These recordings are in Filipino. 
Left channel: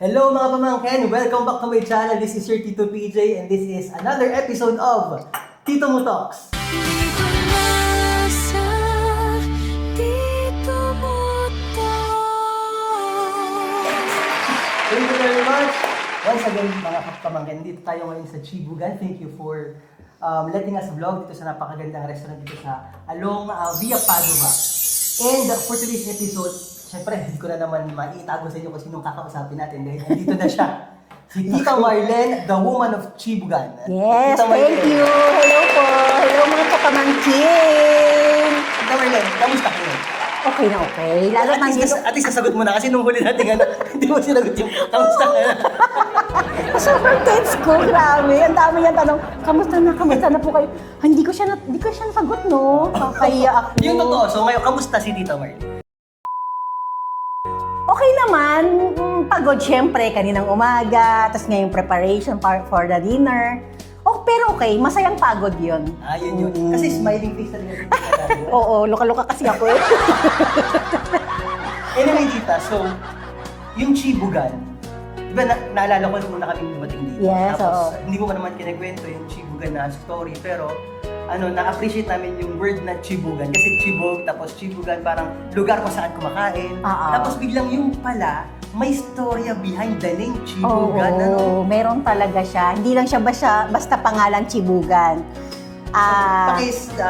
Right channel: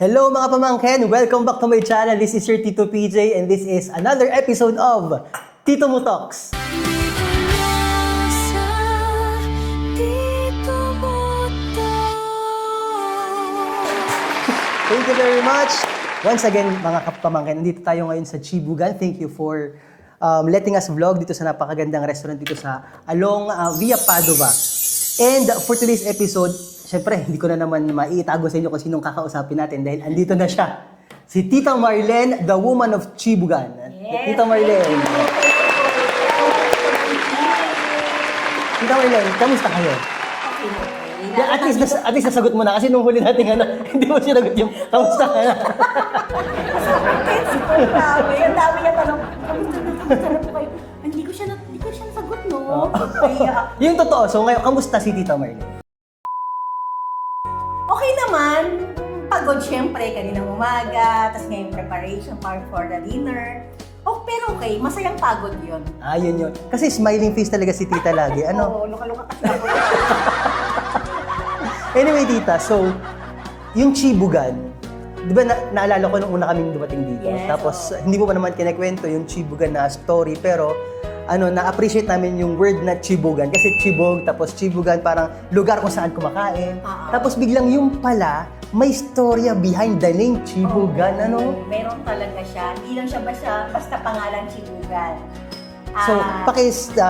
Hello mga pamangkin! Welcome back to my channel. This is your Tito PJ and this is another episode of Tito Mo Talks. Dito na sa Tito Mo Talks. Thank you very much! Once again mga kapamangkin, nandito tayo ngayon sa Chibugan. Thank you for letting us vlog dito sa napakagandang restaurant dito sa along Via Padova. And for today's episode, syempre, hindi ko na naman maiitago sa inyo kung sinong kakausapin natin dahil andito na siya. Si Tita Marlene, the woman of Chibugan. Yes, Tita thank you. Hello po. Hello mga kapamangkin. Tita Marlene, kamusta kayo? Okay na okay. Lalo At least nasagot mo na kasi nung huli natin hindi mo sinagot yung kamusta ka na. Super tense ko, marami. Ang dami yung tanong, kamusta na po kayo? Hindi ko siya nasagot, no? Kaya ako. Yung totoo, so ngayon, kamusta si Tita Marlene? Okay naman. Pagod syempre, kaninang umaga. Tapos ngayong preparation for the dinner. Oh, pero okay, masayang pagod yun. Ah, yun. Kasi smiling face talaga si Tita lagi. Ano? Oo, luka-luka kasi ako eh. Anyway, Tita, so, yung Chibugan, di ba naalala ko nung una kami dumating dito? Yes, Tapos, oo. hindi ko pa naman kinakwento yung Chibugan na story, pero na-appreciate namin yung word na Chibugan. Kasi Chibog, tapos Chibugan, parang lugar kung saan kumakain. Tapos biglang yung pala, may storya behind the name Chibugan. Oo, meron talaga siya. Hindi lang siya basta pangalang Chibugan. So,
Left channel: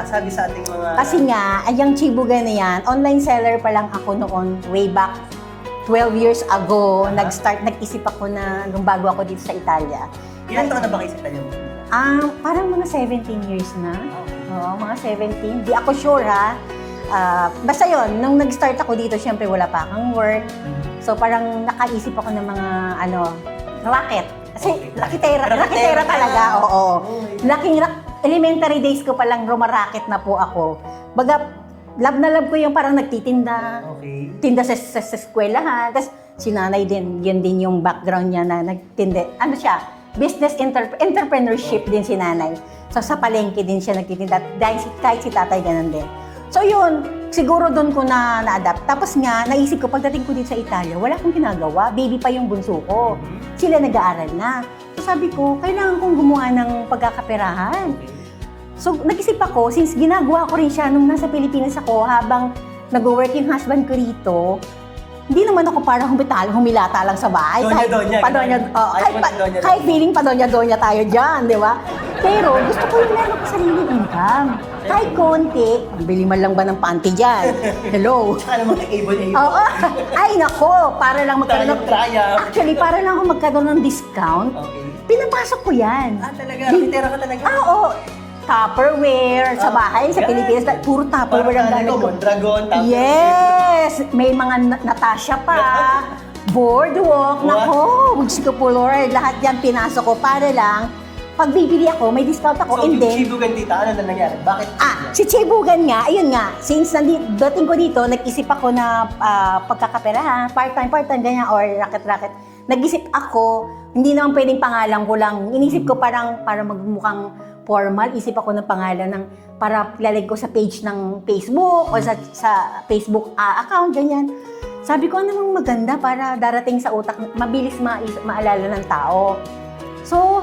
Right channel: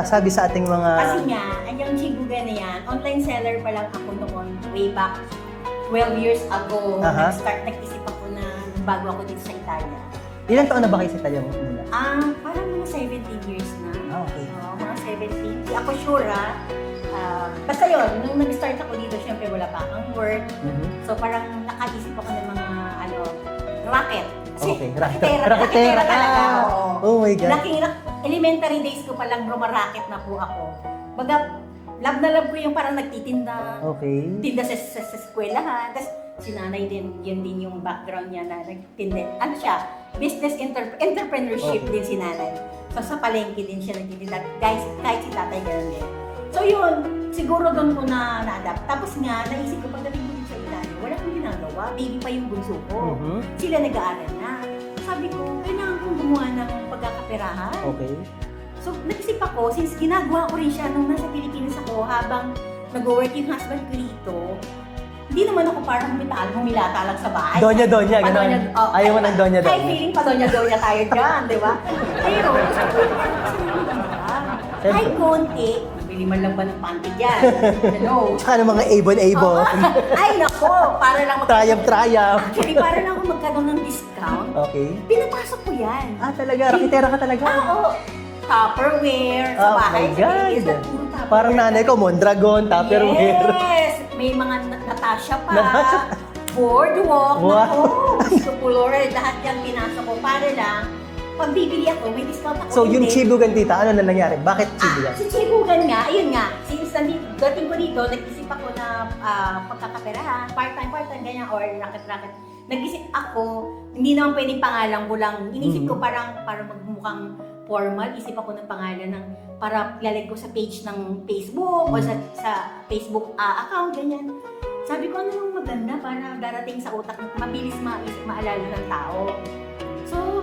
sabi sa ating mga... Kasi nga, yung Chibugan na yan, online seller pa lang ako noon, way back 12 years ago. Aha. Nag-isip ako na nung bago ako dito sa Italia. Ilan taon na ba kayo sa Italia? Parang mga 17 years na. Okay. Oo, mga 17. Di ako sure ha. Basta yon, nung nag-start ako dito, syempre wala pa akong work. So parang nakaisip ako ng mga racket. Kasi Okay. raketera talaga. Oo. Oh my God. Elementary days ko palang rumaraket na po ako. Baga, love na love ko yung parang nagtitinda. Okay. Tinda sa eskwelahan. Tapos si nanay din, yun din yung background niya na nagtinda. Ano siya? Business entrepreneurship din si nanay. So sa palengke din siya nagtitinda. Dahil kahit si tatay ganun din. So yun, siguro doon ko na-adapt. Tapos nga, naisip ko, pagdating ko dito sa Italia, wala akong ginagawa. Baby pa yung bunso ko. Sila nag-aaral na. So sabi ko, kailangan kong gumawa ng pagkakaperahan. Okay. So nag-isip ako, since ginagawa ko rin siya nung nasa Pilipinas ako, habang nag-working husband ko rito, hindi naman ako parang humilata lang sa bahay. Donya-donya. Ayaw mo ng donya-donya. Kahit feeling pa donya-donya tayo dyan, di ba? Pero gusto ko yung meron sa sarili income. Kahit konti, ang bili man lang ba ng panty dyan? Hello? Tsaka ng mga able-able. Oo. Ay, nako, para lang magkaroon. Triumph. Actually, para lang ako magkaroon ng discount. Okay. Pinapasok ko yan. Talaga? Rakitera ka talaga? Oo. Tupperware sa bahay, sa Pilipinas, puro Tupperware. Parang nanay ko, Mondragon, Tupperware. Yes! May mga Natasha pa. Boardwalk, Wow. nako, Muscopolor, lahat yan pinasok ko para lang, pag bibili ako, may discount ako. So, and yung then, Chibugan, Tita, ano na nangyari? Bakit Chibugan? si Chibugan nga, ayun nga, since dating ko dito, nag-isip ako na pagkakaperahan, part-time, ganyan, or racket-racket. Nag-isip ako, hindi naman pwedeng pangalan ko lang. Inisip ko parang para magmukhang formal, isip ako ng pangalan ng para lalagay ko sa page ng Facebook o sa Facebook account, ganyan. Sabi ko, ano namang maganda para darating sa utak, mabilis maalala ng tao. So,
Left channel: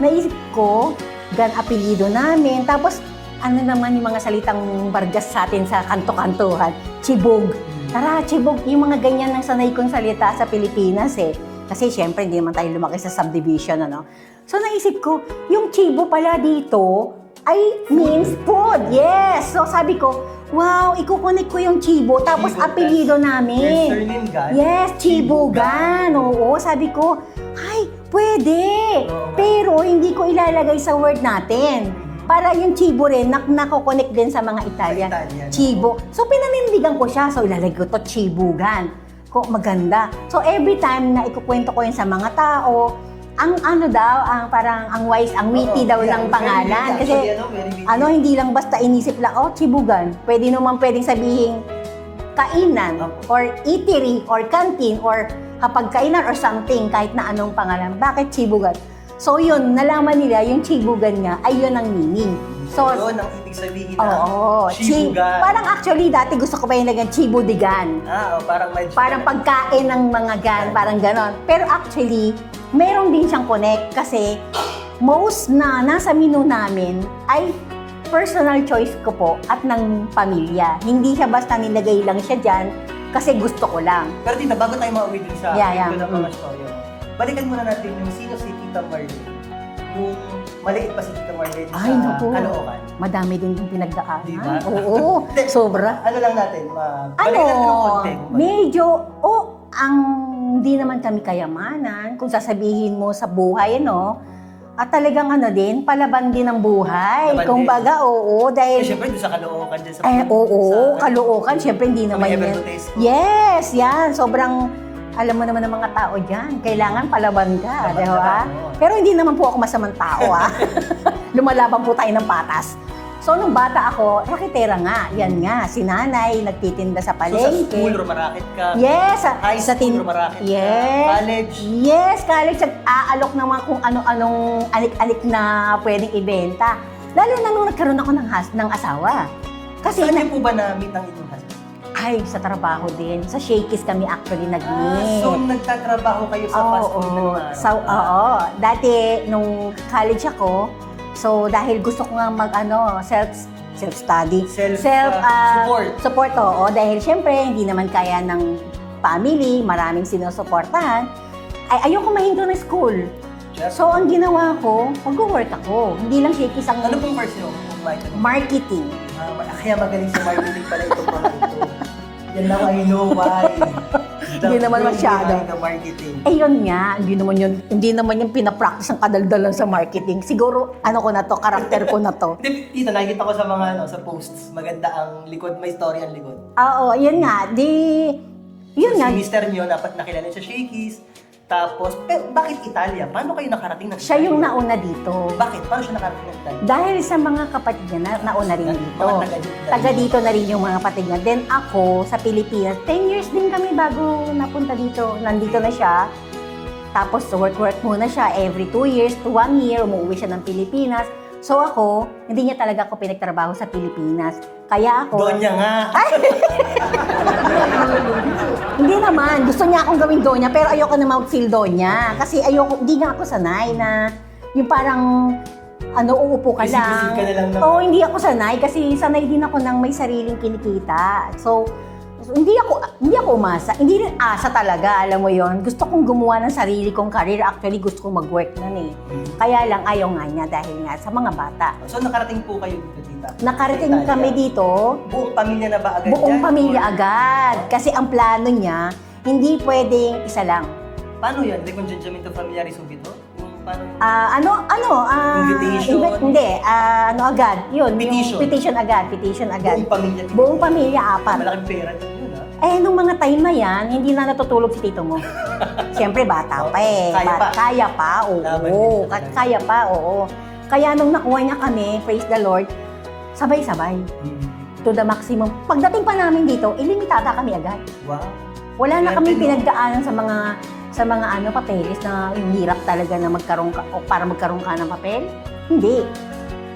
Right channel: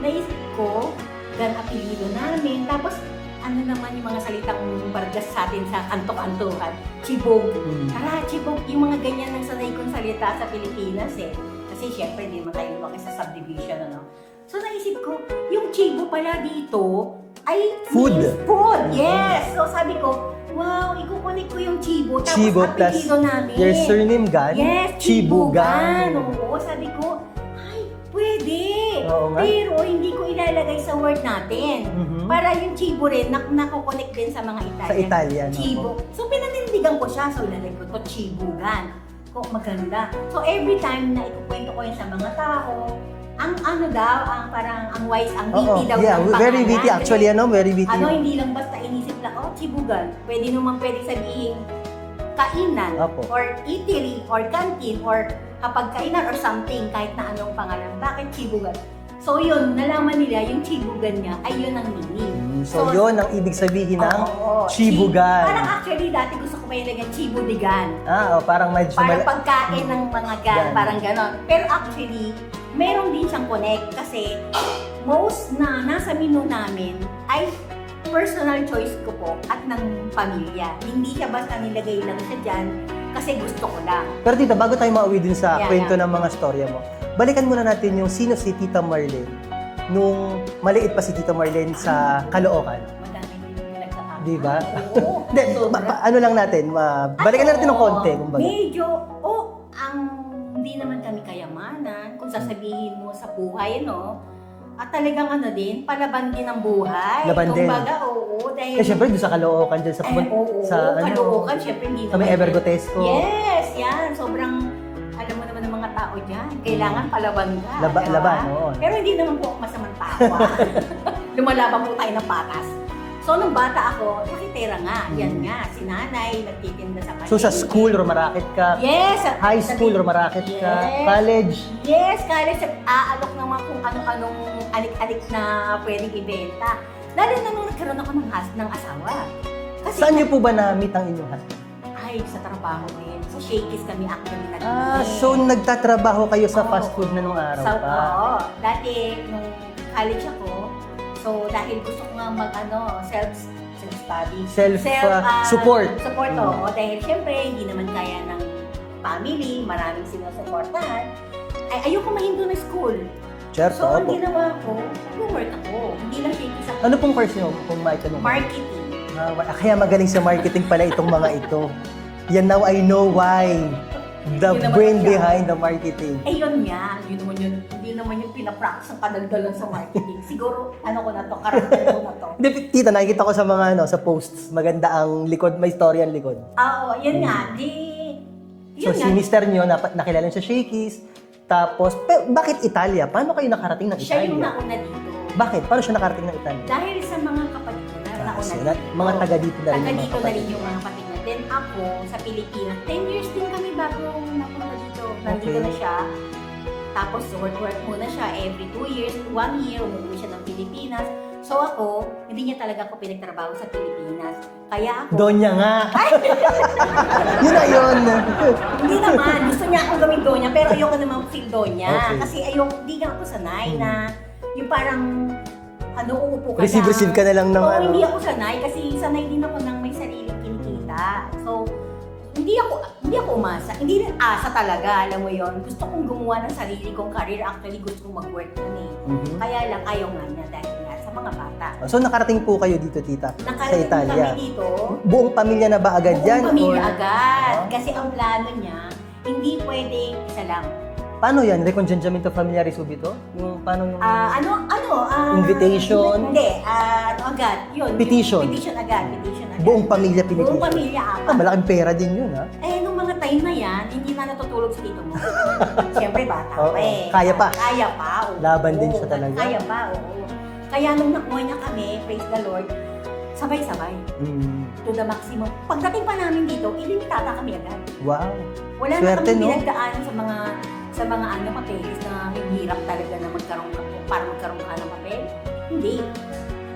naisip ko, apelido namin. Tapos, ano naman yung mga salitang bargas sa atin sa kanto-kantuhan? Chibog. Tara, chibog. Yung mga ganyan ng sanay kong salita sa Pilipinas eh. Kasi syempre, hindi naman tayo lumaki sa subdivision, ano? So, naisip ko, yung chibo pala dito ay means food. Yes! So, sabi ko, wow, ikukunik ko yung chibo. Tapos, Chibo, apelido namin. Your surname, Gan? Yes, Chibugan. Oo, sabi ko, ay, pwede. Oo nga. Pero hindi ko ilalagay sa word natin. Para yung Chibo rin, nakokonek din sa mga Italian. Sa Italian, Chibo. So, pinanindigan ko siya. So, ilalagay ko to Chibugan. Maganda. So, every time na ikukwento ko yun sa mga tao, ang wise, ang witty daw ng pangalan. Very witty. Actually, very witty. Hindi lang basta inisip lang, Chibugan. Pwedeng sabihin, kainan, Opo. or eatery, or canteen, or hapagkainan, or something, kahit na anong pangalan. Bakit Chibugan? So yun, nalaman nila yung chibugan nga ay yun ang meaning. So, yun ang ibig sabihin ng Oo, chibugan. Parang actually dati gusto ko pa yung lagyan chibudigan. Parang medyo... Parang pagkain ng mga gan, parang ganon. Pero actually, meron din siyang connect kasi most na nasa menu namin ay personal choice ko po at ng pamilya. Hindi siya basta nilagay lang siya dyan kasi gusto ko lang. Pero tita, bago tayo mauwi din sa Yeah, kwento yeah. ng mga storya mo, balikan muna natin yung sino si Tita Marlene nung maliit pa si Tita Marlene Ay, sa naku. Caloocan. Madami din yung pinagdaanan. Di ba? Oo, sobra. Ano lang natin, balikan natin ng konti. kumbaga. Medyo, hindi naman kami kayamanan. Kung sasabihin mo sa buhay, at talagang din, palaban din ang buhay. Laban Kung din. baga, Eh, syempre, doon sa Caloocan dyan sa... Caloocan, syempre hindi naman May yan. Evergotesco. Yes, yan. Sobrang, alam mo naman ng mga tao dyan. Kailangan palaban ka, Laban, di ba? laban, oo. Pero hindi naman po ako masamang tao, Lumalaban po tayo ng patas. So, nung bata ako, raketera nga. Yan nga, si nanay, nagtitinda sa palengke. So, sa school, rumarakit ka. Yes. High school, rumarakit ka. Yes. College. Yes, college. Nag-aalok ng mga kung ano-anong alik-alik na pwedeng ibenta. Lalo na nung nagkaroon ako ng asawa. Kasi Saan niyo po ba na-meet ang inyong husband? ay, sa trabaho din. Sa Shakey's kami actually nag-meet. So, nagtatrabaho kayo sa fast food na nung araw? Oo. Dati, nung college ako, so dahil gusto ko nga self-study. Support. Support, oo. Dahil syempre, hindi naman kaya ng family, maraming sinusuportahan. Ay, ayoko mahinto ng school. Chef, So, ang ginawa ko, mag-work ako. Hindi lang Shakey's ang Ano pong course niyo kung maitanong? marketing. Kaya magaling sa marketing pala itong mga ito. Yan now I know why. The Hindi naman brain masyado. behind the marketing. Eh yun nga, hindi naman yung pinapractice ang kadaldalan sa marketing. Siguro, karakter ko na to. Hindi, tita, nakikita ko sa mga sa posts, maganda ang likod, may story ang likod. Oo, yun nga. Yun So, nga. si mister niyo, nakilala niyo sa Shakey's, tapos, bakit Italia? Paano kayo nakarating ng Italia? Siya yung nauna dito. Bakit? Paano siya nakarating ng Italia? Dahil sa mga kapatid niya na nauna rin So, dito. mga taga dito na rin. Taga dito na rin yung mga kapatid niya. Then ako, sa Pilipinas, 10 years din kami bago napunta dito. Nandito Okay. na siya. Tapos work muna siya every 2 years to 1 year. Umuwi siya ng Pilipinas. So ako, hindi niya talaga ako pinagtrabaho sa Pilipinas. Kaya ako... Donya nga! Hindi naman. Gusto niya akong gawing donya, pero ayoko naman feel donya. Okay. Kasi hindi nga ako sanay na yung parang uupo ka lang. Receive ka na lang ng Oo, hindi ako sanay kasi sanay din ako ng may sariling kinikita. So, hindi ako umasa. Hindi rin asa talaga, alam mo yon. Gusto kong gumawa ng sarili kong career. Actually, gusto kong mag-work nun eh. Mhm. Kaya lang, ayaw nga niya dahil nga sa mga bata. So, nakarating po kayo dito, tita? Nakarating sa Italia. kami dito, Buong pamilya na ba agad buong dyan? pamilya Or- agad. Kasi ang plano niya, hindi pwedeng isa lang. Paano yan? Recongiungimento familiare subito? Yung paano yung... Invitation? Agad. Yun. Petition? Petition agad. Buong pamilya Pilipino? Buong pamilya, apat. Malaking pera din yun, ha? Nung mga time na yan, hindi na natutulog si tito mo. Siyempre, bata Oo, pa eh. kaya pa. Kaya pa, oo. Laban din siya talaga. Kaya pa, oo. Kaya nung nakuha niya kami, praise the Lord, sabay-sabay. To the maximum. Pagdating pa namin dito, ilimitada kami agad. Wow. Wala na Swerte, kami no? pinagdaanan sa mga papeles na yung hirap talaga na magkaroon ka o para magkaroon ka ng papel. Hindi.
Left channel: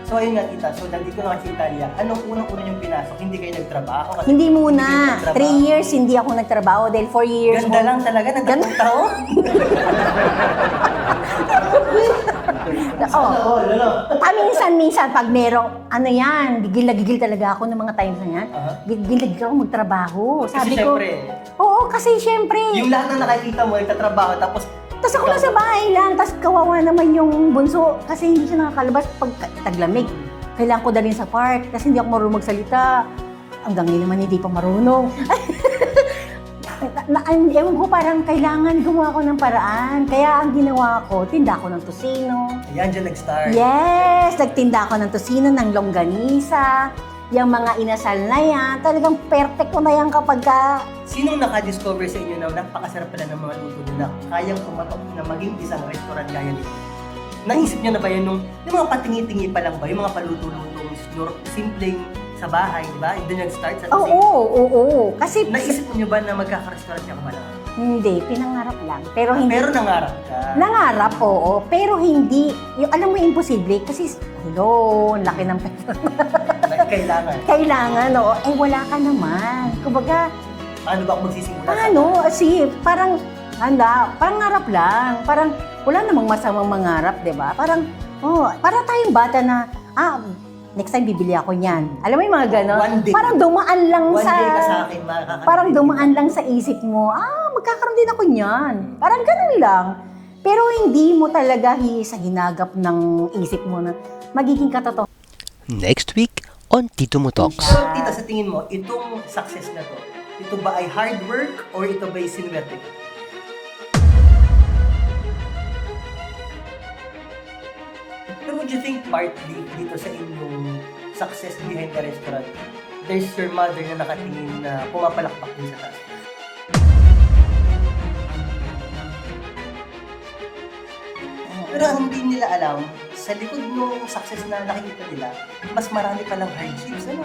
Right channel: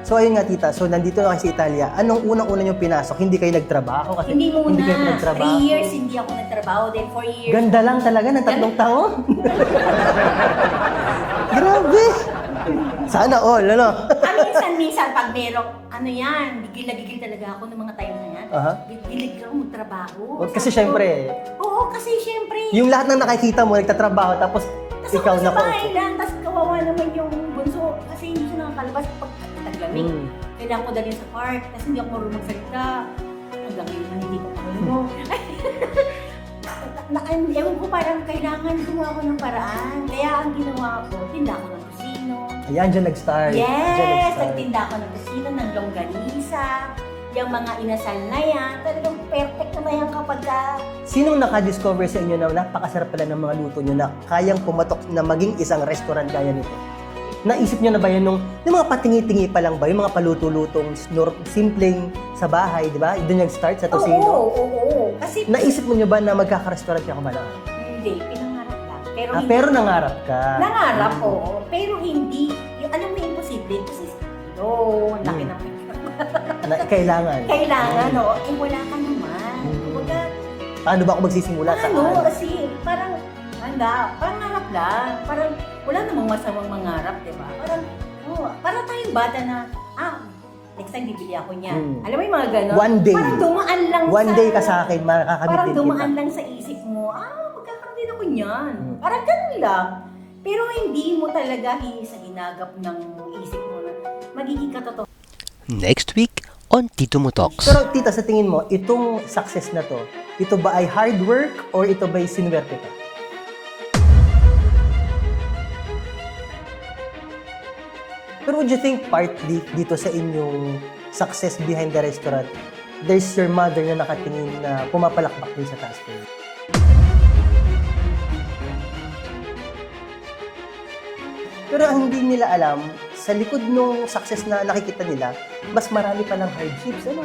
So, ayun nga, tita. So, nandito na kayo sa Italia. Anong unang-una niyong pinasok? Hindi kayo nagtrabaho? Kasi Hindi kayo muna. nagtrabaho. 3 years hindi ako nagtrabaho dahil 4 years. Ganda lang talaga ng 3 taon. Grabe! Sana all, ano? Minsan pag merong, gigil na gigil talaga ako ng mga times na yan. Aha. Gigil na gigil ako magtrabaho. Kasi Sabi syempre, ko, oo, kasi syempre. yung lahat ng nakikita mo, nagtatrabaho, tapos Tapos ako ikaw nasa na- bahay lang, tapos kawawa naman yung bunso kasi hindi siya nakakalabas pag taglamig. Mm. Kailangan ko dalhin sa park kasi hindi ako marunong magsalita. Hanggang ngayon naman hindi pa marunong. Ewan ko, parang kailangan gumawa ko ng paraan. Kaya ang ginawa ko, tinda ko ng tosino. Ayan, dyan nag-start. Yes! Nagtinda ako ng tosino, ng longganisa, yung mga inasal na yan. Talagang perfect ko na yan kapag ka... Sinong naka-discover sa inyo na napakasarap pala ng mga luto nyo na kayang kumatok na maging isang restaurant gaya nito? Naisip niyo na ba yan yung mga patingi-tingi pa lang ba? Yung mga paluto-lutong, simpleng sa bahay, di ba? Doon nag-start sa Oo, Tosino. oo. Kasi Naisip niyo ba na magkaka-restaurant ka ba na? hindi, pinangarap lang. Pero Ah, hindi. pero nangarap ka. Nangarap, oo. Pero hindi, yung, alam mo, imposible. Kasi, hello, laki ng pera. Kailangan. Kailangan, oo. Eh, wala ka naman. Kumbaga, Paano ba ako magsisimula? sige, parang, parang ngarap lang. Parang, wala namang masamang mangarap, di ba? Parang, para tayong bata na, next time bibili ako niyan. Alam mo yung mga gano'n? One day. Parang dumaan lang One sa... day ka sa akin, makakamitin Parang kita. dumaan lang sa isip mo, magkakaroon din ako niyan. Parang ganun lang. Pero hindi mo talaga sa hinagap ng isip mo na magiging katotoo. Next week on Tito Mo Talks. Pero tita, sa tingin mo, itong success na to, ito ba ay hard work or ito ba ay sinuwerte ka? Pero would you think partly dito sa inyong success behind the restaurant, there's your mother na nakatingin na pumapalakpak din sa taas mo? Pero ang hindi nila alam, sa likod ng success na nakikita nila, mas marami palang hardships. Ano?